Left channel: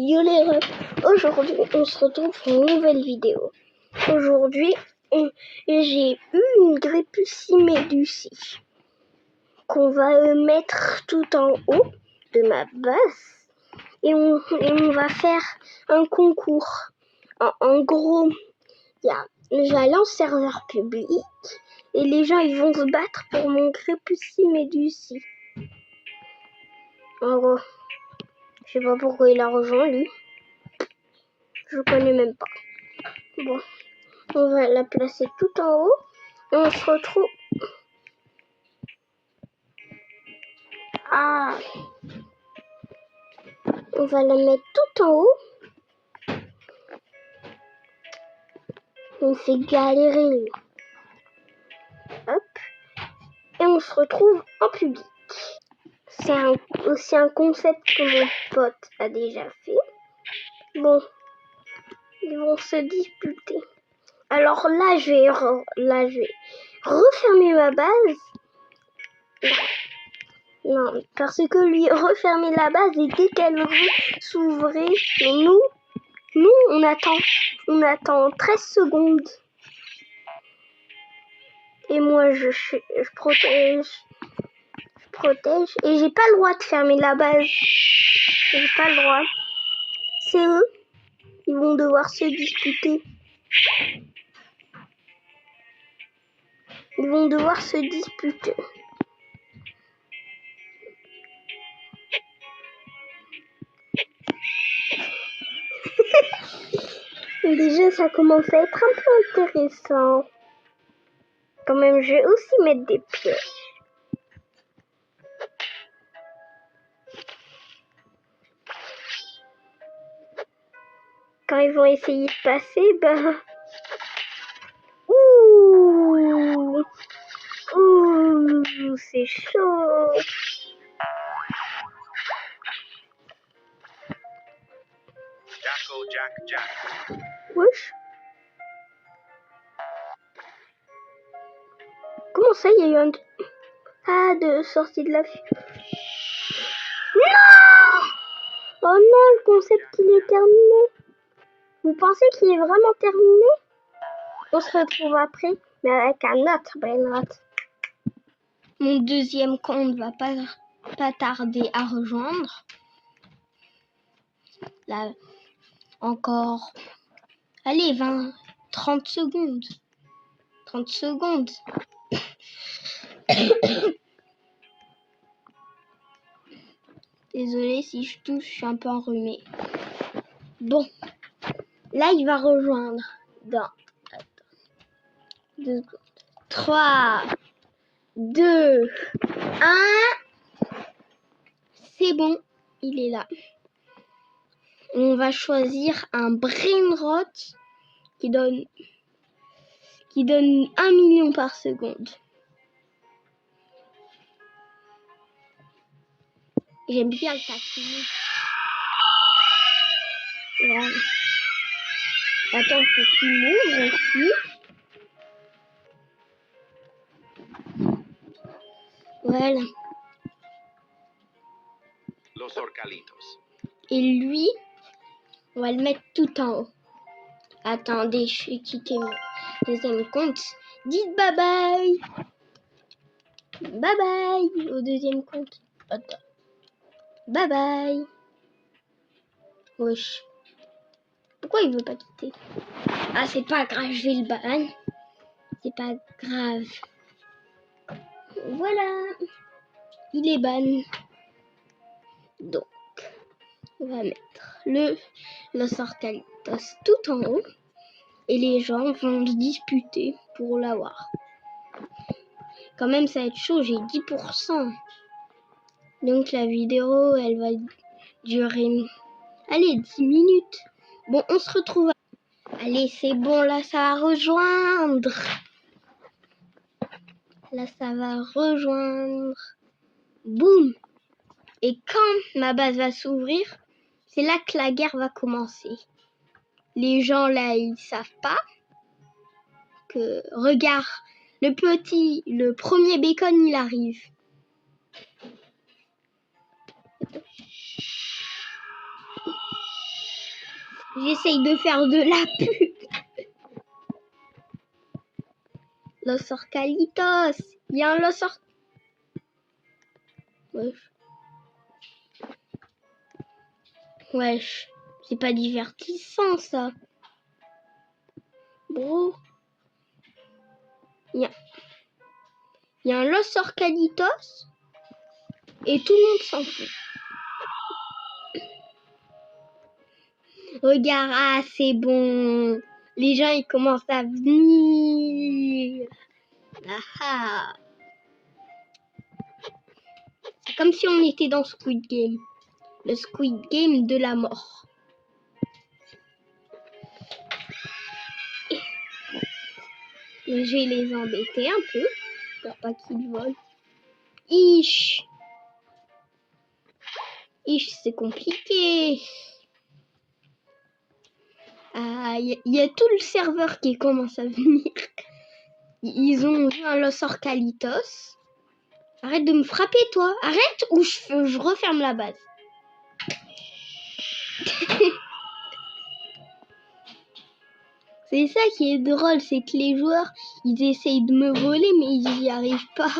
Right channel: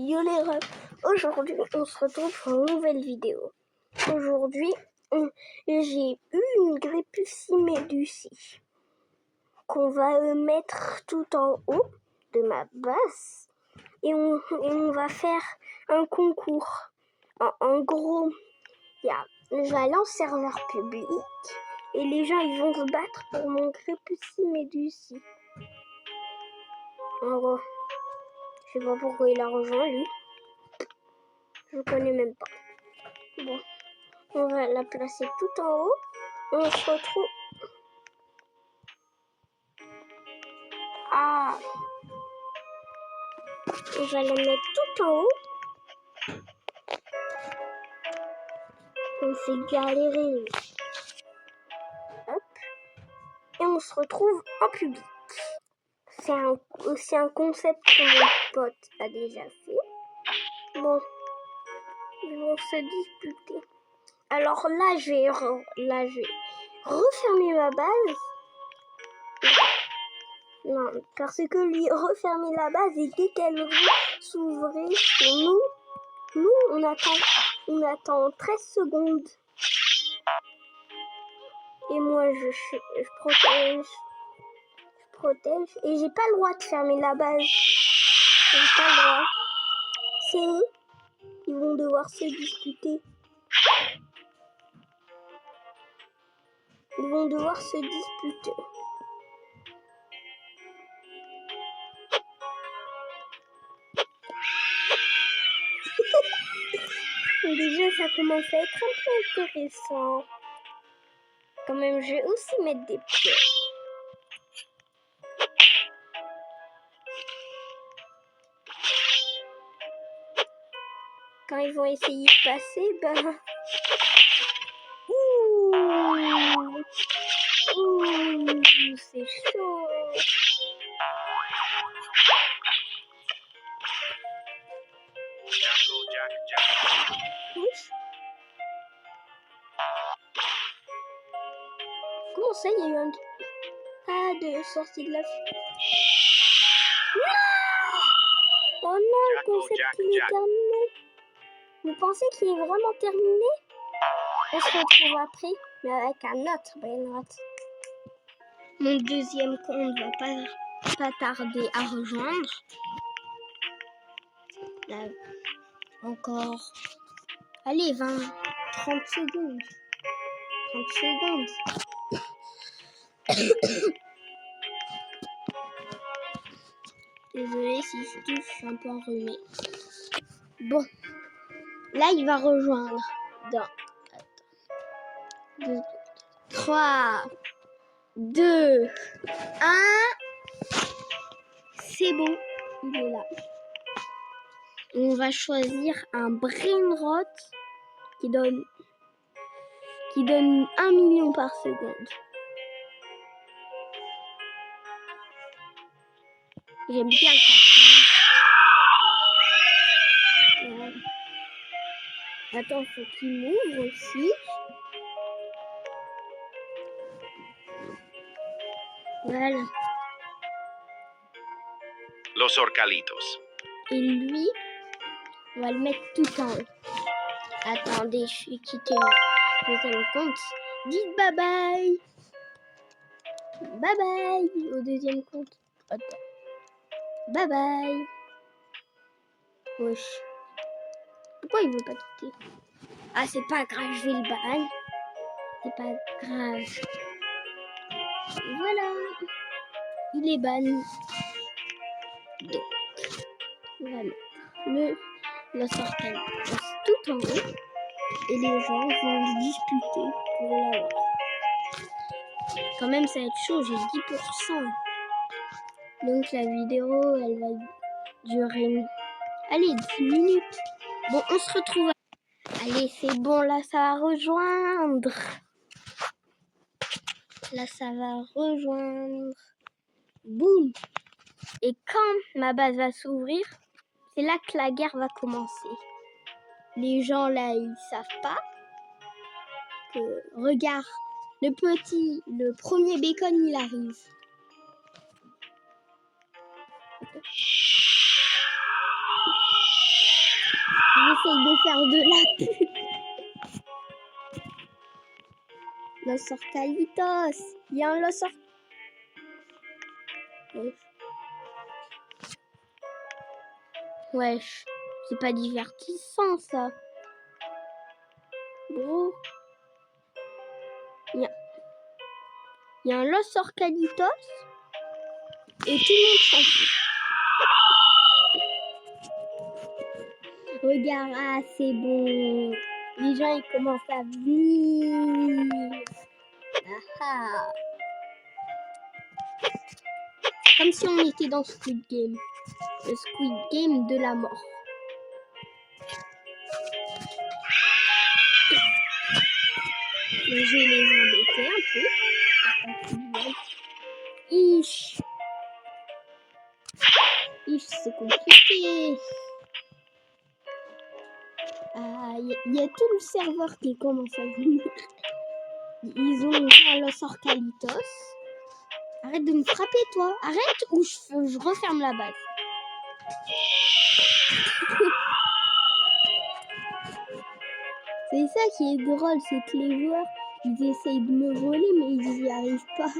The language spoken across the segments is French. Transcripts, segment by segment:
Yo les refs, aujourd'hui on se retrouve pour une nouvelle vidéo. Aujourd'hui j'ai eu une Grépusciméducie qu'on va mettre tout en haut de ma base et on va faire un concours. En gros, j'allais en serveur public et les gens ils vont se battre pour mon Grépusciméducie. En gros, je sais pas pourquoi il a rejoint lui. Je le connais même pas. Bon, on va la placer tout en haut et on se retrouve. Ah, on va la mettre tout en haut. On fait galérer lui. Hop. Et on se retrouve en public. C'est aussi un concept que mon pote a déjà fait. Bon, ils vont se disputer. Alors là, je vais refermer ma base. Non, parce que lui refermer la base et dès qu'elle s'ouvrir, nous on attend 13 secondes. Et moi je protège et j'ai pas le droit de fermer la base. J'ai pas le droit. C'est eux, ils vont devoir se disputer. Ils vont devoir se disputer. Déjà, ça commence à être un peu intéressant. Quand même, je vais aussi mettre des pièges. Quand ils vont essayer de passer, ouh, c'est chaud. Wesh. Comment ça, il y a eu un... Ah, de sortie de la... Non! Oh non, le concept, il est terminé. Vous pensez qu'il est vraiment terminé? On se retrouve après, mais avec un autre brainrot. Mon deuxième compte va pas tarder à rejoindre. Là, encore... Allez, 30 secondes. 30 secondes. Désolée si je touche, je suis un peu enrhumée. Bon, là il va rejoindre dans 3, 2, 1. C'est bon, il est là. On va choisir un brainrot qui donne 1 million par seconde. J'aime bien le papier. Voilà. Attends, faut qu'il m'ouvre aussi. Voilà. Los Orcalitos. Et lui, on va le mettre tout en haut. Attendez, je vais quitter mon deuxième compte. Dites bye bye. Bye bye au deuxième compte. Attends. Bye bye. Wesh. Pourquoi il veut pas quitter? Ah, c'est pas grave, je vais le ban. C'est pas grave. Voilà. Il est ban. Donc, on va mettre la sortelle tout en haut. Et les gens vont se disputer pour l'avoir. Quand même, ça va être chaud, j'ai 10%. Donc la vidéo, elle va durer... Allez, 10 minutes. Bon, on se retrouve. Allez, c'est bon, là, ça va rejoindre. Là, ça va rejoindre. Boum. Et quand ma base va s'ouvrir, c'est là que la guerre va commencer. Les gens, là, ils savent pas que... Regarde, le premier bacon, il arrive. J'essaye de faire de la pub. Los Orcalitos. Il y a un Los Orcalitos. Wesh. C'est pas divertissant ça. Bro. Il y a un Los Orcalitos. Et tout le monde s'en fout. Regarde, ah c'est bon. Les gens ils commencent à venir. Ah. C'est comme si on était dans Squid Game. Le Squid Game de la mort. Je vais les embêter un peu. Pour pas qu'ils volent. Ish, c'est compliqué. Ah, y a tout le serveur qui commence à venir. Ils ont vu un Los Orcalitos. Arrête de me frapper, toi. Arrête ou je referme la base. C'est ça qui est drôle, c'est que les joueurs, ils essayent de me voler, mais ils n'y arrivent pas.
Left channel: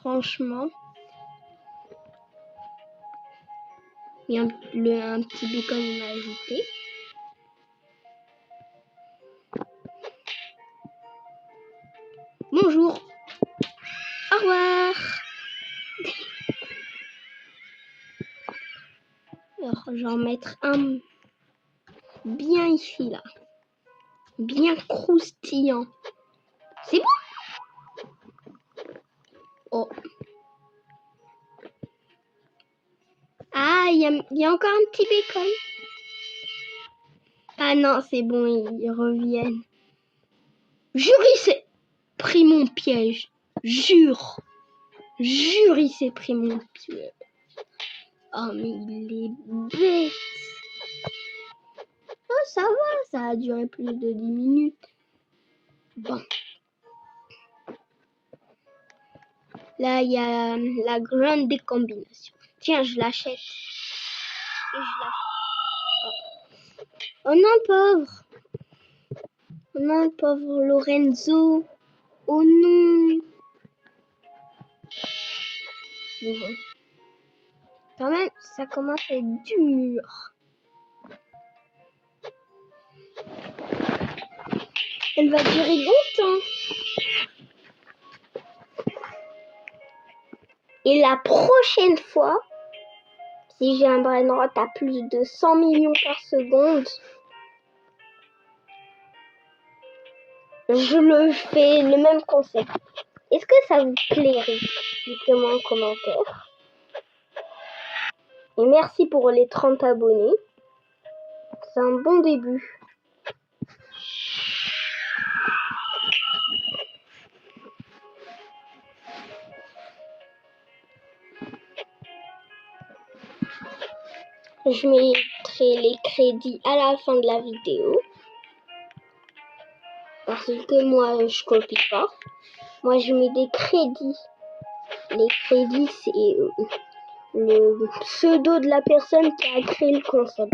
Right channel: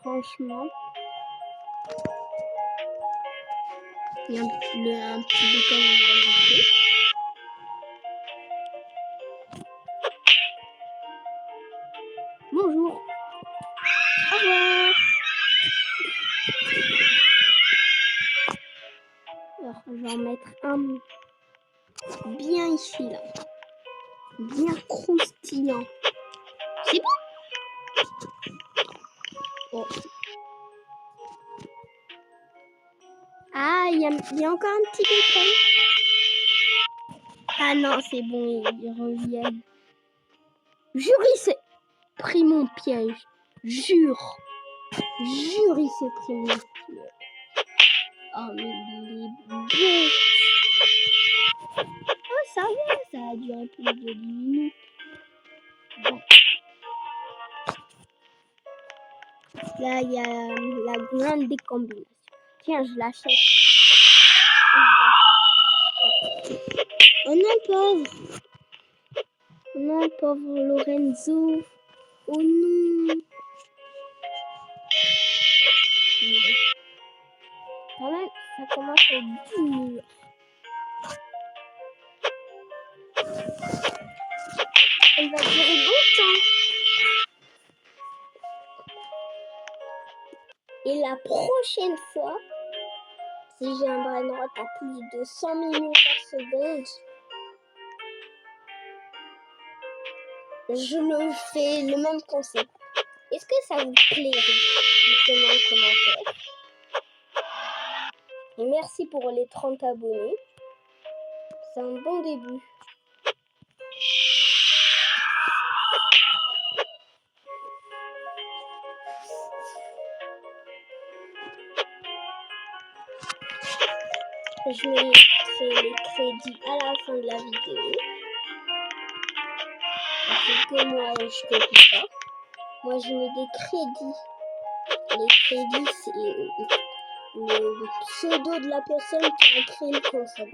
Franchement. Il y a un petit peu comme on a ajouté. Bonjour. Au revoir. Alors, je vais en mettre un bien ici, là. Bien croustillant. C'est bon? Oh. Ah, il y a encore un petit bacon. Ah non, c'est bon, ils reviennent. Jure, il s'est pris mon piège. Jure, il s'est pris mon piège. Oh, mais il est bête. Oh, ça va, ça a duré plus de 10 minutes. Bon. Là, il y a la grande décombination. Tiens, je l'achète. Oh non, pauvre. Oh non, pauvre Lorenzo. Oh non. Mais bon. Quand même, ça commence à être dur. Elle va durer longtemps. Et la prochaine fois, si j'ai un brain rot à plus de 100 millions par seconde, je le fais le même concept. Est-ce que ça vous plairait? Dites-moi en commentaire. Et merci pour les 30 abonnés. C'est un bon début. Je mettrai les crédits à la fin de la vidéo. Parce que moi, je copie pas. Moi, je mets des crédits. Les crédits, c'est le pseudo de la personne qui a créé le concept.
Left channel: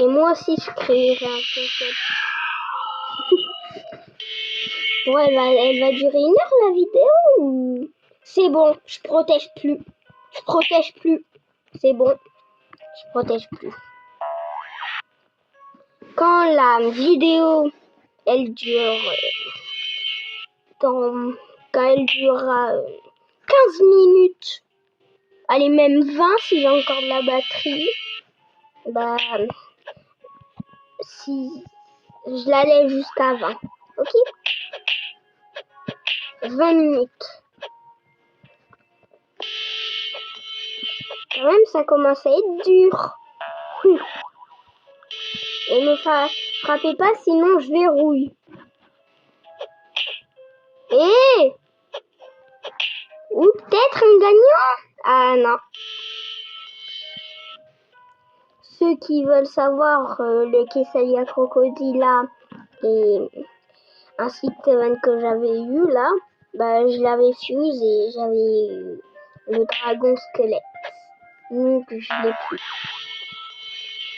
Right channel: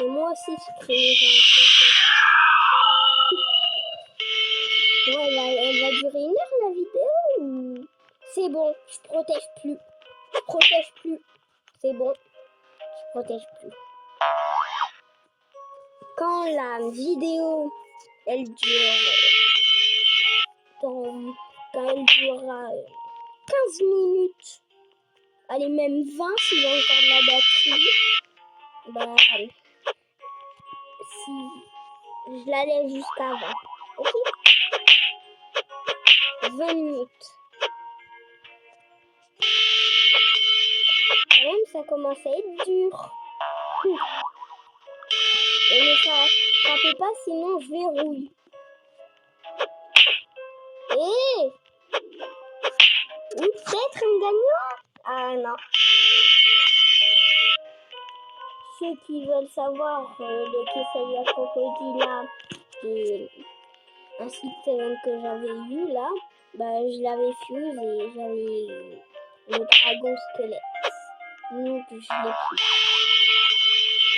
Et moi aussi, je créerai un concept. Bon, elle va durer 1 heure la vidéo ou... C'est bon, je protège plus. C'est bon, je protège plus. Quand la vidéo, elle dure... Quand elle durera 15 minutes, allez, même 20 si j'ai encore de la batterie, bah... Si je la laisse jusqu'à 20, ok? 20 minutes. Quand même, ça commence à être dur. Et ne frappez pas, sinon je verrouille. Et ou peut-être un gagnant? Ah non. Ceux qui veulent savoir le Quesalia Crocodila et un site que j'avais eu là, Bah, je l'avais fuse et j'avais le dragon squelette. Donc, je l'ai plus.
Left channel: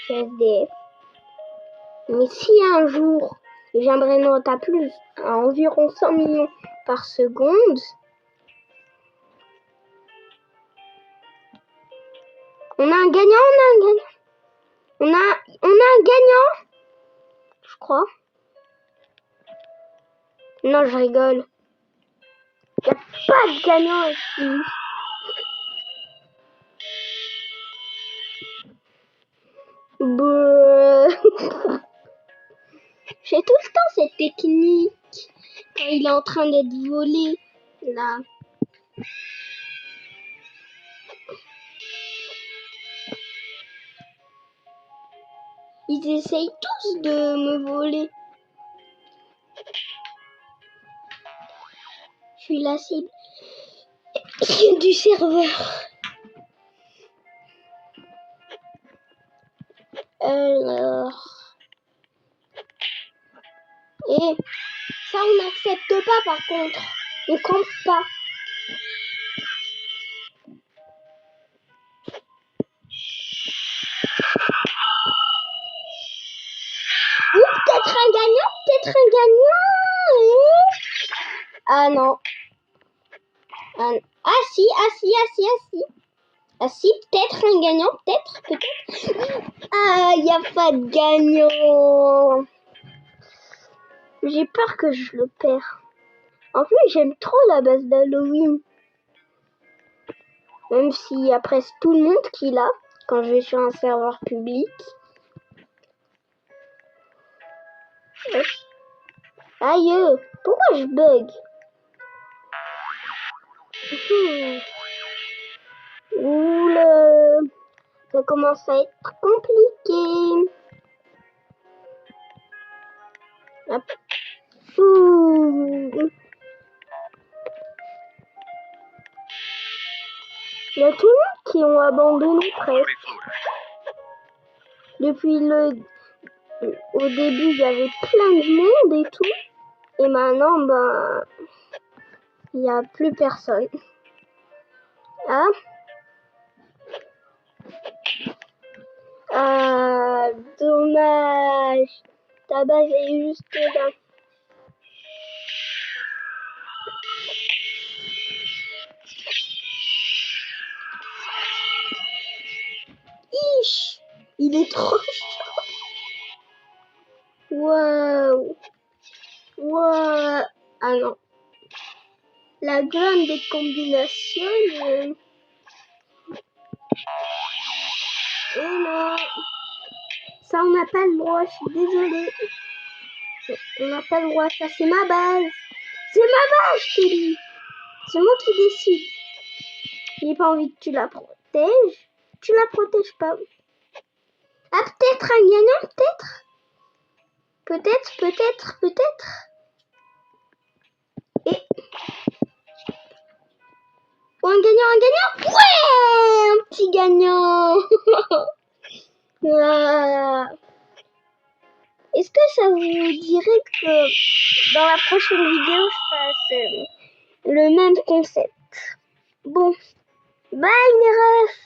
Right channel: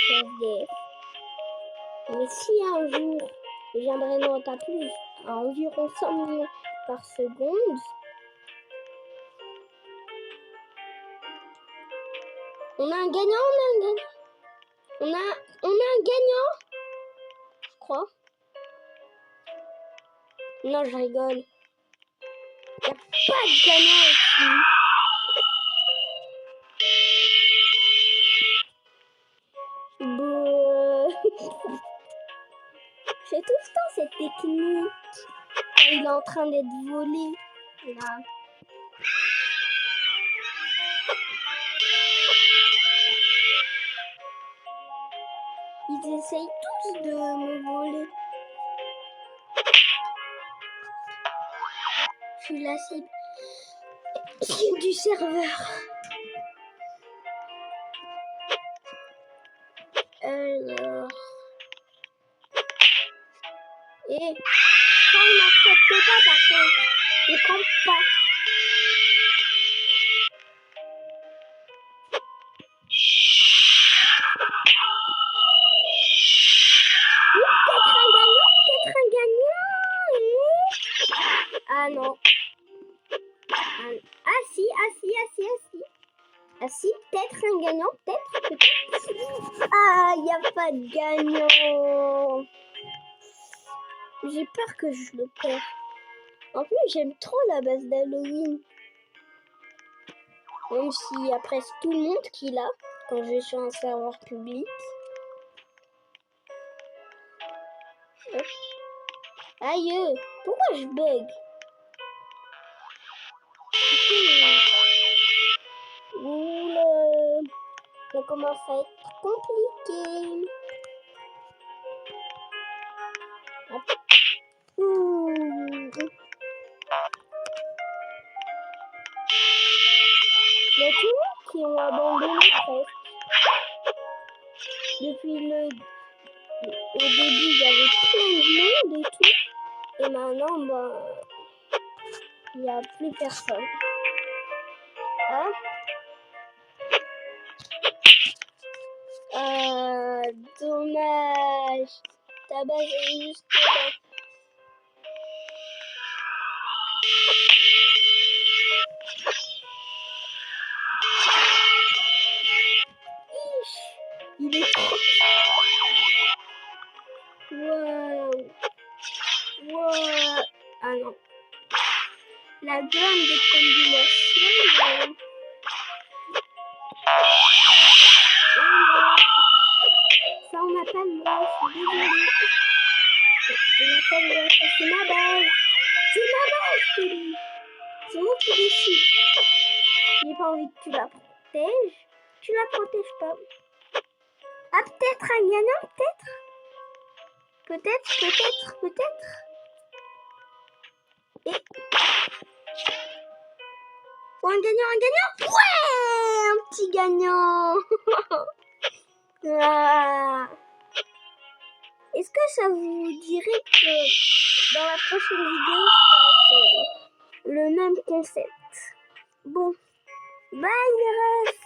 C'est SDF. Mais si un jour, je viendrai monter à plus, à environ 100 millions par seconde, on a un gagnant, on a un gagnant, je crois. Non, je rigole. Il n'y a pas de gagnant ici. J'ai tout le temps cette technique. Quand il est en train d'être volé, là. Ils essayent tous de me voler. Je suis la cible du serveur. Alors... Et ça, on n'accepte pas par contre. On compte pas. Ou peut-être un gagnant, peut-être un gagnant. Ah non. Ah si. Ah si, peut-être un gagnant, peut-être. Ah, il n'y a pas de gagnant. J'ai peur que je le perds. En plus, j'aime trop la base d'Halloween. Même s'il y a presque tout le monde qui l'a quand je vais sur un serveur public. Aïe, pourquoi je bug? Oula, ça commence à être compliqué. Hop. Il y a tout le monde qui ont abandonné presque. Depuis au début, il y avait plein de monde et tout. Et maintenant, ben, il n'y a plus personne. Hein? Ah, dommage. Ta base est juste là. Il est trop... Waouh. Waouh. Ah non. La gamme des combinaisons... Oh non. Ça, on n'a pas le droit, je suis désolée. On n'a pas le droit, ça c'est ma base. C'est ma base, je te dis. C'est moi qui décide. J'ai pas envie que tu la protèges. Tu la protèges pas. Ah, peut-être un gagnant, peut-être. Peut-être. Et... Oh, un gagnant. Ouais, un petit gagnant. Ah. Est-ce que ça vous dirait que dans la prochaine vidéo, je fasse le même concept? Bon, bye mes refs.